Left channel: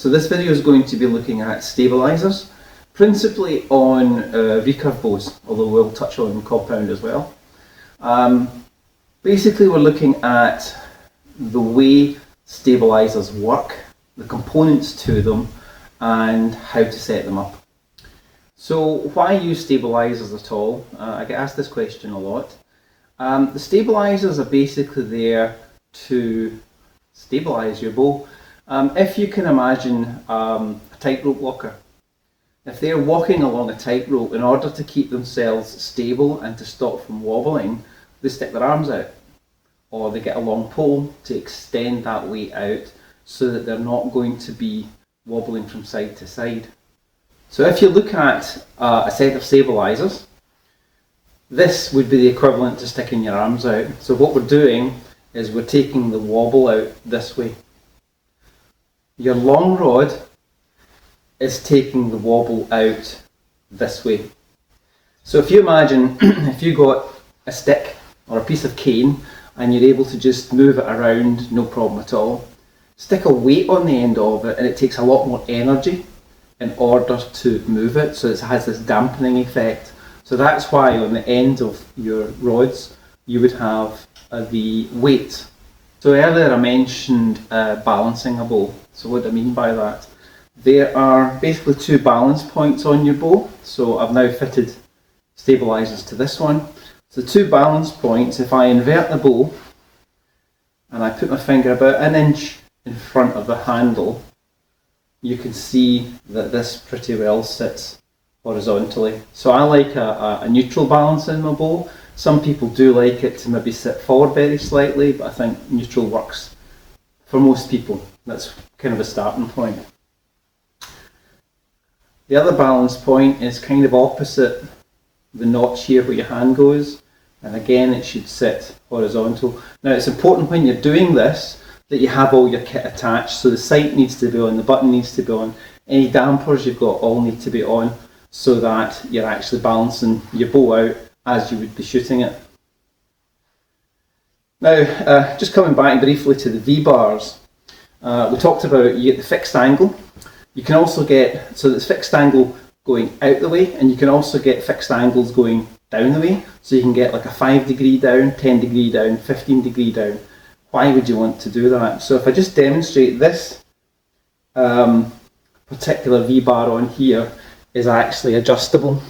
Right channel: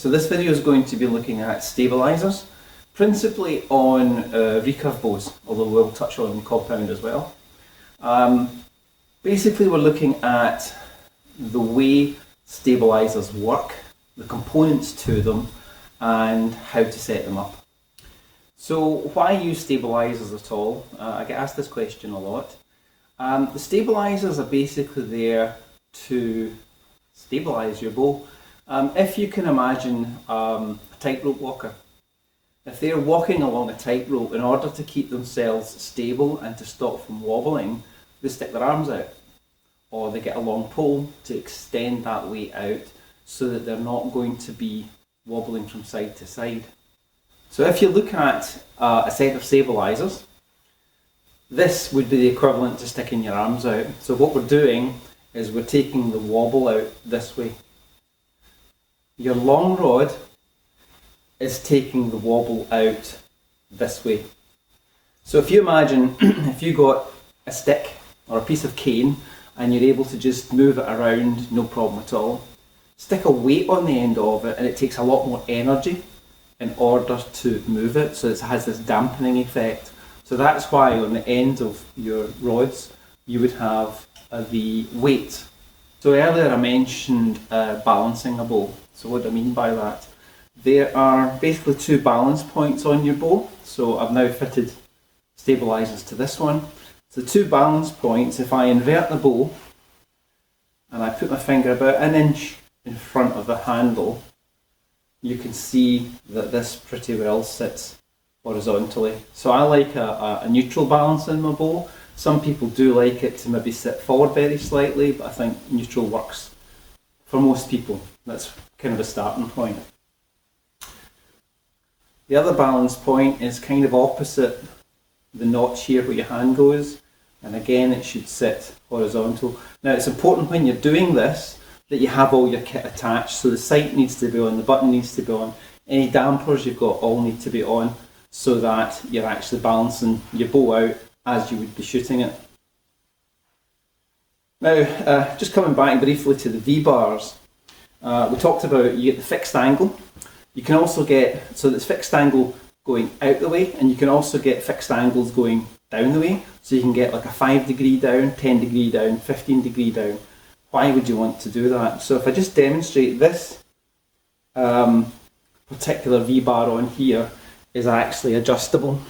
So this video is going to be looking at stabilisers, principally on recurve bows, although we'll touch on compound as well. Basically we're looking at the way stabilisers work, the components to them, and how to set them up. So why use stabilisers at all? I get asked this question a lot. The stabilisers are basically there to stabilise your bow. If you can imagine a tightrope walker, if they're walking along a tightrope, in order to keep themselves stable and to stop from wobbling, they stick their arms out, or they get a long pole to extend that weight out so that they're not going to be wobbling from side to side. So if you look at a set of stabilisers, this would be the equivalent to sticking your arms out. So what we're doing is we're taking the wobble out this way. Your long rod is taking the wobble out this way. So if you imagine if you got a stick or a piece of cane and you're able to just move it around, no problem at all. Stick a weight on the end of it and it takes a lot more energy in order to move it, so it has this dampening effect. So that's why on the end of your rods you would have the weight. So earlier I mentioned balancing a bow. So what do I mean by that? There are basically two balance points on your bow. So I've now fitted stabilisers to this one. So the two balance points, if I invert the bow and I put my finger about an inch in front of the handle, you can see that this pretty well sits horizontally. So I like a neutral balance in my bow. Some people do like it to maybe sit forward very slightly, but I think neutral works for most people. That's kind of a starting point. The other balance point is kind of opposite the notch here where your hand goes, and again it should sit horizontal. Now it's important when you're doing this that you have all your kit attached, so the sight needs to be on, the button needs to be on, any dampers you've got all need to be on, so that you're actually balancing your bow out as you would be shooting it. Now just coming back briefly to the V-bars, we talked about you get the fixed angle. You can also get, so it's fixed angle going out the way, and you can also get fixed angles going down the way, so you can get like a 5 degree down, 10 degree down, 15 degree down. Why would you want to do that? So if I just demonstrate this particular V-bar on here is actually adjustable.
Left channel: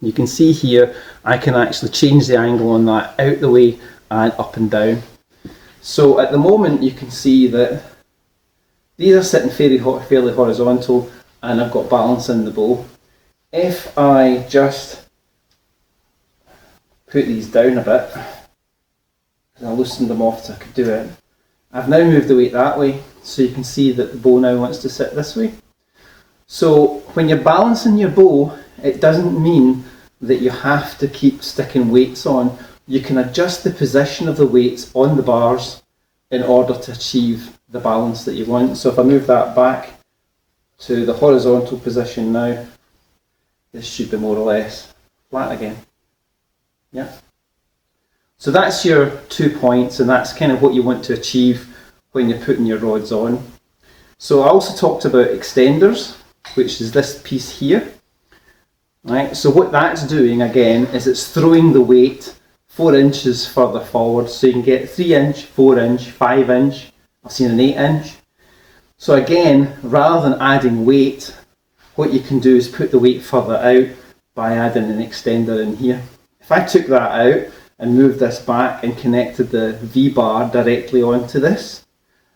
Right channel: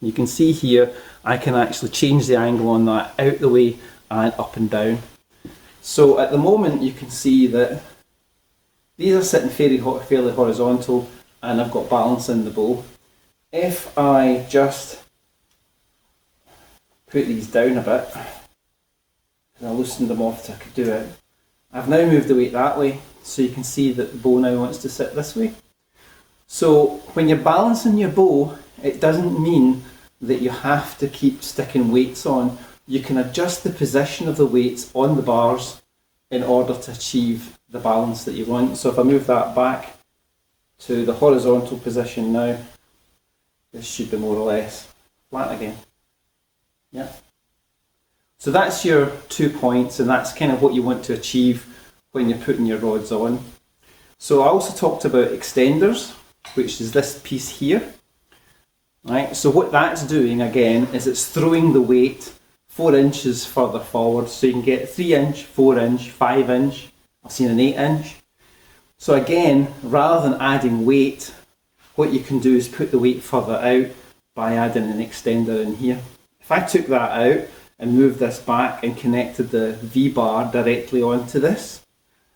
You can see here I can actually change the angle on that out the way and up and down. So at the moment you can see that these are sitting fairly horizontal and I've got balance in the bow. If I just put these down a bit, and I loosened them off so I could do it, I've now moved the weight that way, so you can see that the bow now wants to sit this way. So when you're balancing your bow, it doesn't mean that you have to keep sticking weights on. You can adjust the position of the weights on the bars in order to achieve the balance that you want. So if I move that back to the horizontal position now, this should be more or less flat again. Yeah. So that's your 2 points, and that's kind of what you want to achieve when you're putting your rods on. So I also talked about extenders, which is this piece here. Right, so what that's doing again is it's throwing the weight 4 inches further forward, so you can get 3 inch, 4 inch, 5 inch, I've seen an 8 inch. So again, rather than adding weight, what you can do is put the weight further out by adding an extender in here. If I took that out and moved this back and connected the V-bar directly onto this,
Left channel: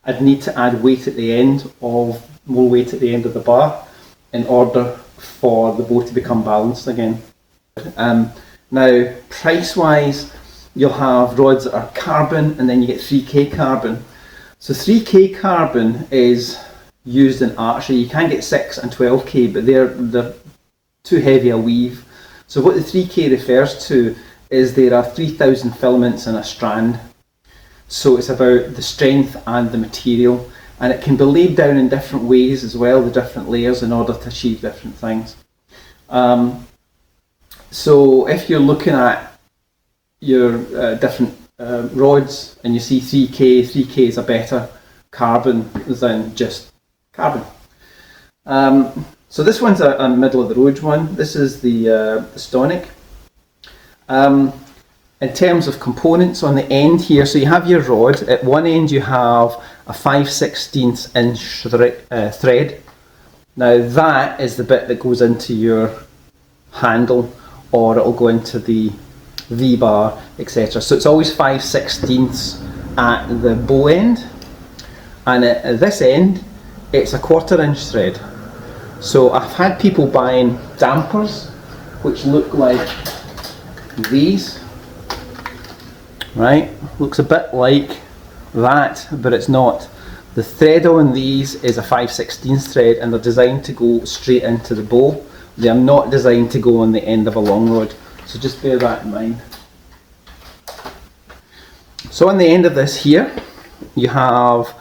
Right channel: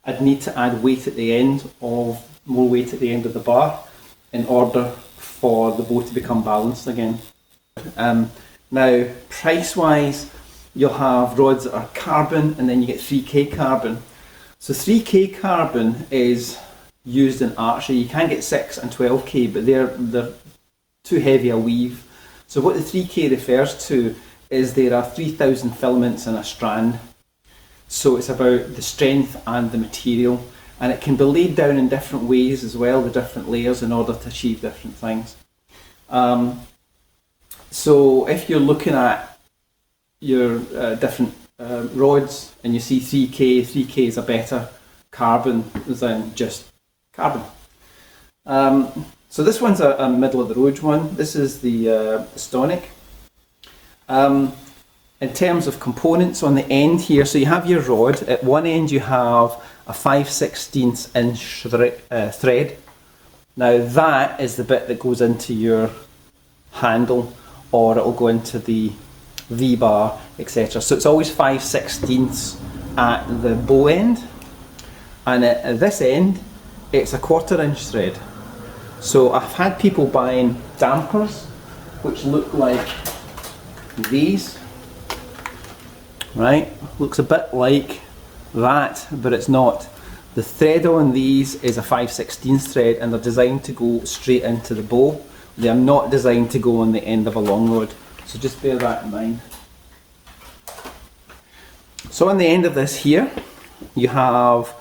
I'd need to add weight at the end of, more weight at the end of the bar in order for the bow to become balanced again. Now price wise, you'll have rods that are carbon and then you get 3K carbon. So 3K carbon is used in archery. You can get 6 and 12K, but they're too heavy a weave. So what the 3K refers to is there are 3,000 filaments in a strand. So it's about the strength and the material, and it can be laid down in different ways as well, the different layers, in order to achieve different things. So if you're looking at your different rods and you see 3K is a better carbon than just carbon. So this one's a middle of the road one. This is the Stonic. In terms of components on the end here, so you have your rod. At one end you have a 5/16 inch thread. Now that is the bit that goes into your handle, or it'll go into the V-bar, etc. So it's always 5/16 at the bow end, and at this end it's a 1/4 inch thread. So I've had people buying dampers which look like these. Right, looks a bit like that, but it's not. The thread on these is a 5/16 thread, and they're designed to go straight into the bow. They are not designed to go on the end of a long rod, so just bear that in mind. So on the end of this here, you have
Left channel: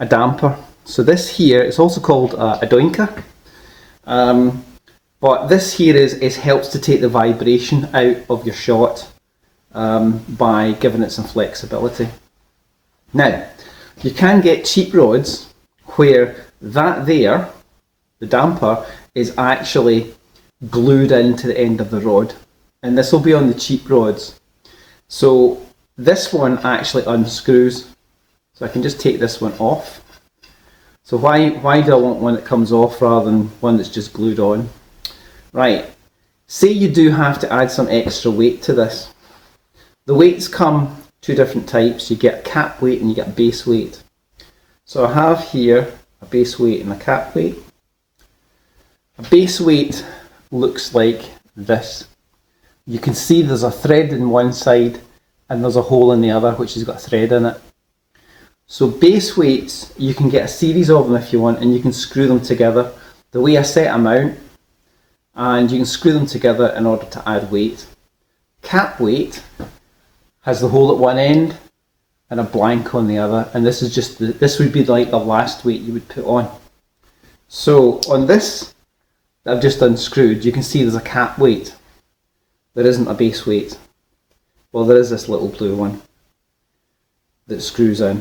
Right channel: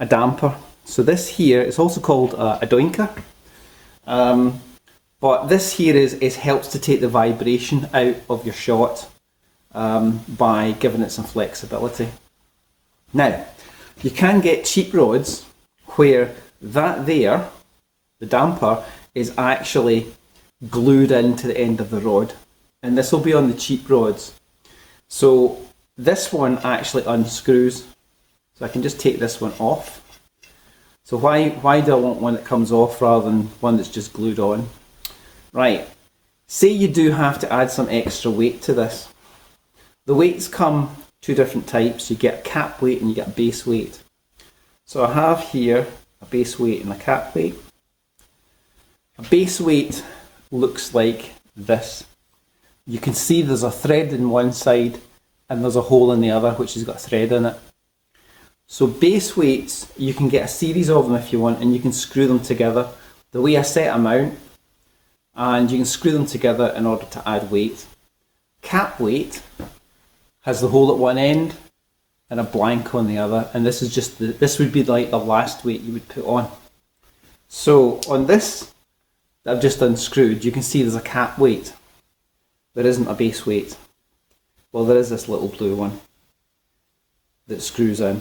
a damper. So this here is also called a doinker, but this here helps to take the vibration out of your shot. By giving it some flexibility. Now, you can get cheap rods where that there, the damper, is actually glued into the end of the rod, and this will be on the cheap rods. So this one actually unscrews, so I can just take this one off. So why do I want one that comes off rather than one that's just glued on? Right, say you do have to add some extra weight to this. The weights come two different types. You get a cap weight and you get a base weight. So I have here a base weight and a cap weight. A base weight looks like this. You can see there's a thread in one side and there's a hole in the other which has got a thread in it. So base weights, you can get a series of them if you want, and you can screw them together the way I set them out, and you can screw them together in order to add weight. Cap weight has the hole at one end and a blank on the other, and this is just this would be like the last weight you would put on. So on this that I've just unscrewed, you can see there's a cap weight. There isn't a base weight. Well, there is this little blue one that screws in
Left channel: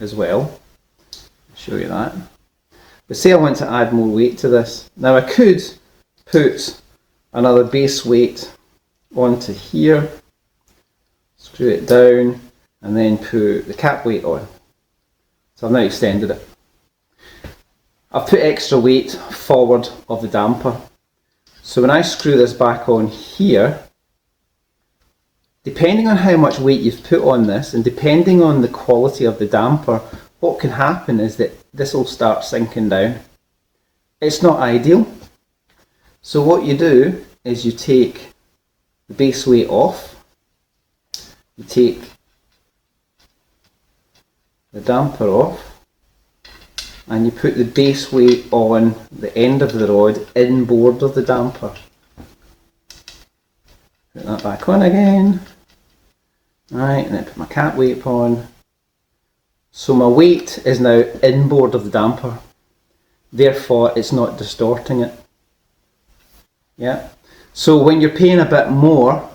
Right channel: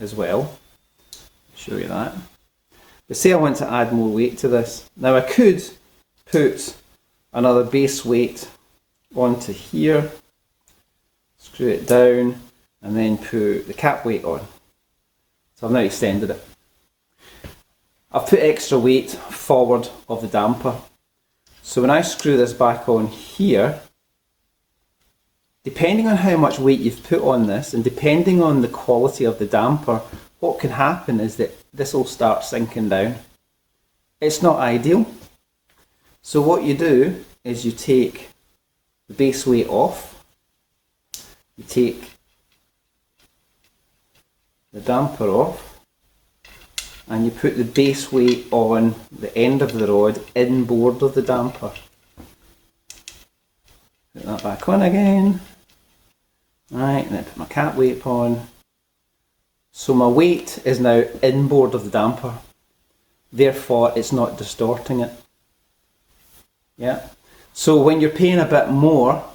as well. I'll show you that. But say I want to add more weight to this. Now I could put another base weight onto here, screw it down, and then put the cap weight on. So I've now extended it. I've put extra weight forward of the damper. So when I screw this back on here, depending on how much weight you've put on this and depending on the quality of the damper, what can happen is that this will start sinking down. It's not ideal. So what you do is you take the base weight off, you take the damper off, and you put the base weight on the end of the rod inboard of the damper. Put that back on again. Right, and then put my cap weight on. So my weight is now inboard of the damper. Therefore, it's not distorting it. Yeah. So when you're paying a bit more,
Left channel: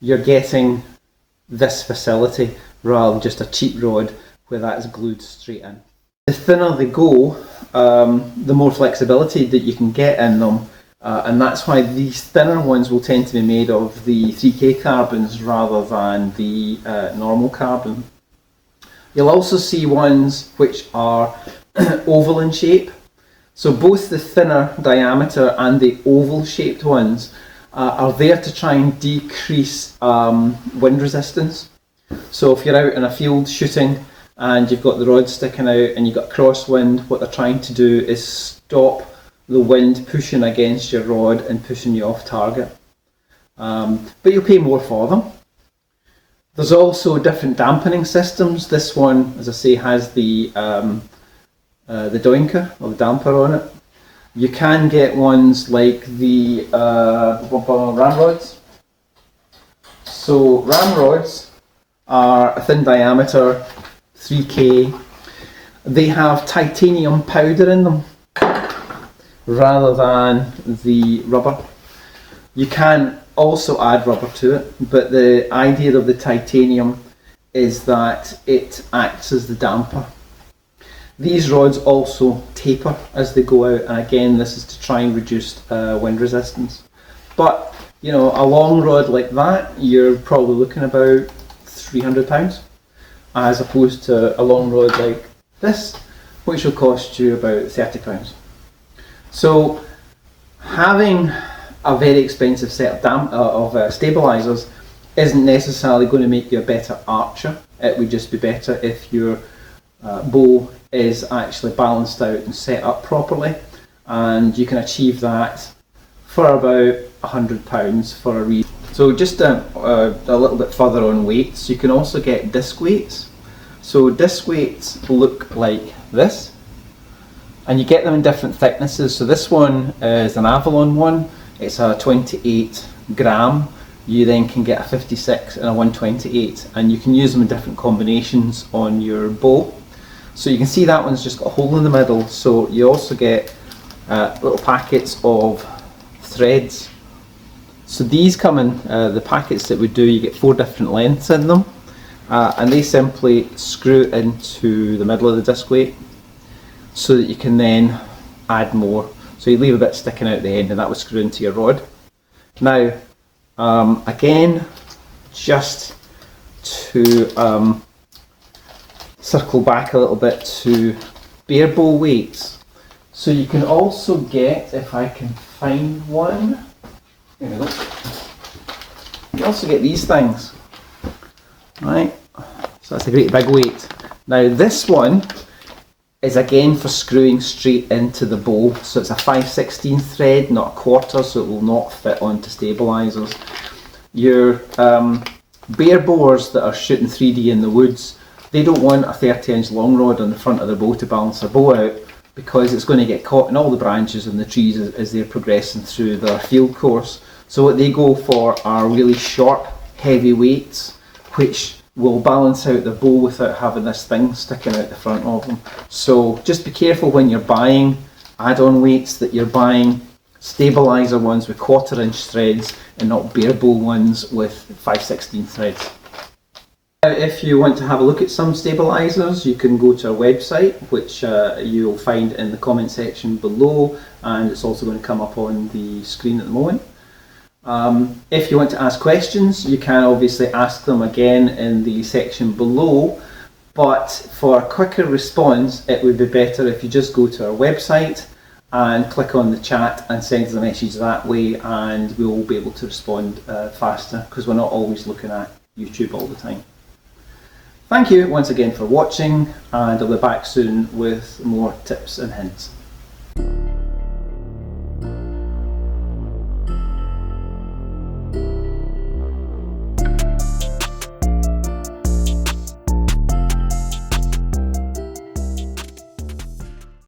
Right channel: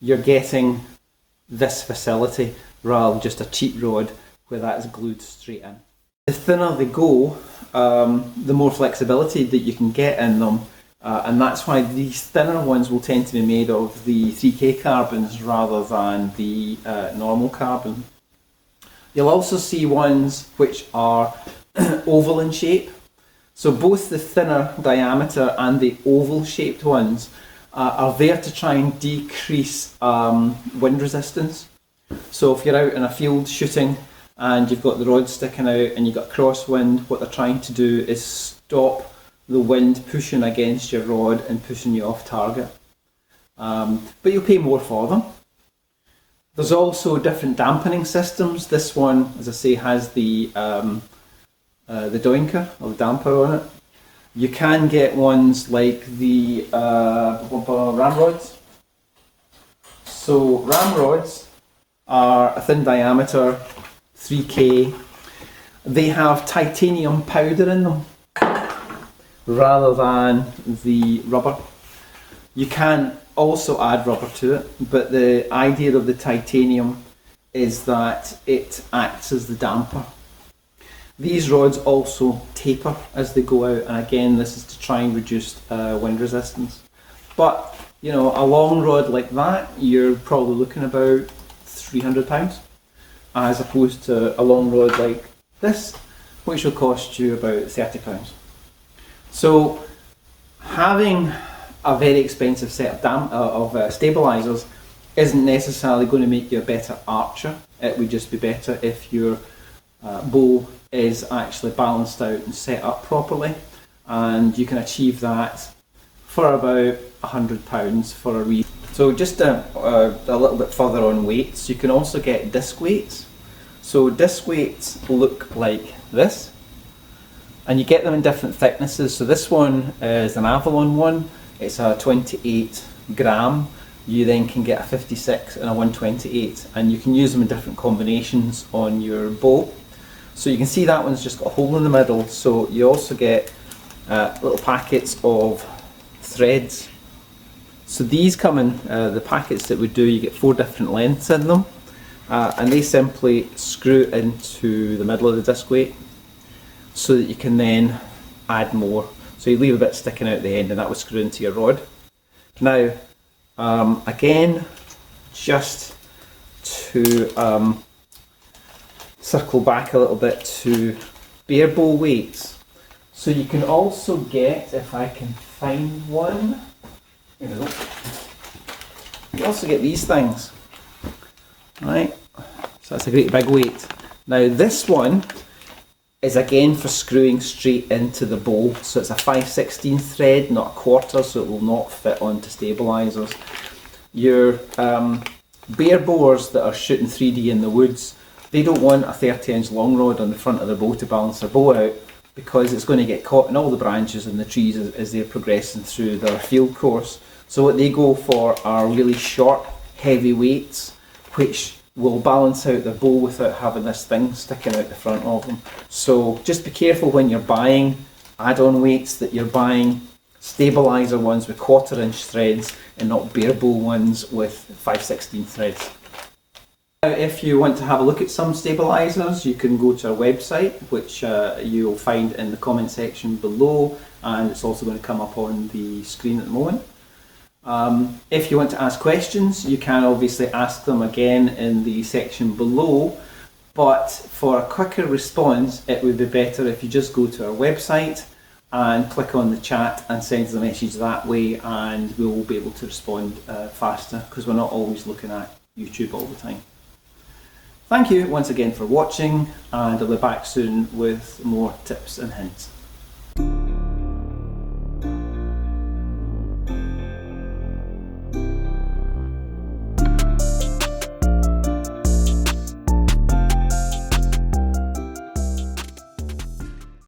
you're getting this facility rather than just a cheap rod where that's glued straight in. The thinner they go, the more flexibility that you can get in them, and that's why these thinner ones will tend to be made of the 3K carbons rather than the normal carbon. You'll also see ones which are oval in shape. So both the thinner diameter and the oval shaped ones are there to try and decrease wind resistance. So if you're out in a field shooting and you've got the rod sticking out and you've got crosswind, what they're trying to do is stop the wind pushing against your rod and pushing you off target. But you'll pay more for them. There's also different dampening systems. This one, as I say, has the doinker or the damper on it. You can get ones like the ramrods. So ramrods are a thin diameter, 3K. They have titanium powder in them rather than the rubber. You can also add rubber to it, but the idea of the titanium is that it acts as the damper. These rods also taper as they go out, and again this is to try and reduce wind resistance. But you know, a long rod like that, you're probably looking about £300, as opposed to a long rod like this, which will cost you about £30. So having a very expensive set of stabilisers isn't necessarily going to make you a better archer. It would just be better if your bow is actually balanced out and set up properly, and you can achieve that for about £100 for a reed. So just a little bit further on weights, you can also get disc weights. So disc weights look like this, and you get them in different thicknesses. So this one is an Avalon one, it's a 28 gram. You then can get a 56 and a 128, and you can use them in different combinations on your bow. So you can see that one's just got a hole in the middle, so you also get little packets of threads. So these come in the packets that we do, you get 4 different lengths in them, and they simply screw into the middle of the disc weight so that you can then add more. So you leave a bit sticking out the end, and that will screw into your rod. Now again, just to circle back a little bit to bare bow weights. So you can also get, if I can find one, here we go. You can also get these things, right? So that's a great big weight. Now this one is again for screwing straight into the bow. So it's a 5/16 thread, not a quarter, so it will not fit onto stabilisers. Your bare bowers that are shooting 3D in the woods, they don't want a 30-inch long rod on the front of the bow to balance their bow out, because it's going to get caught in all the branches and the trees as they're progressing through their field course. So what they go for are really short, heavy weights, which will balance out the bow without having this thing sticking out the front of them. So just be careful when you're buying add-on weights that you're buying stabiliser ones with 1/4-inch threads and not bare bow ones with 5/16 threads. Now, if you want to have a look at some stabilisers, you can go to our website, which you'll find in the comment section below, and it's also going to come up on the screen at the moment. If you want to ask questions, you can obviously ask them again in the section below, but for a quicker response it would be better if you just go to our website and click on the chat and send us a message that way, and we will be able to respond faster, because we're not always looking at YouTube all the time. Thank you once again for watching, and I'll be back soon with more tips and hints.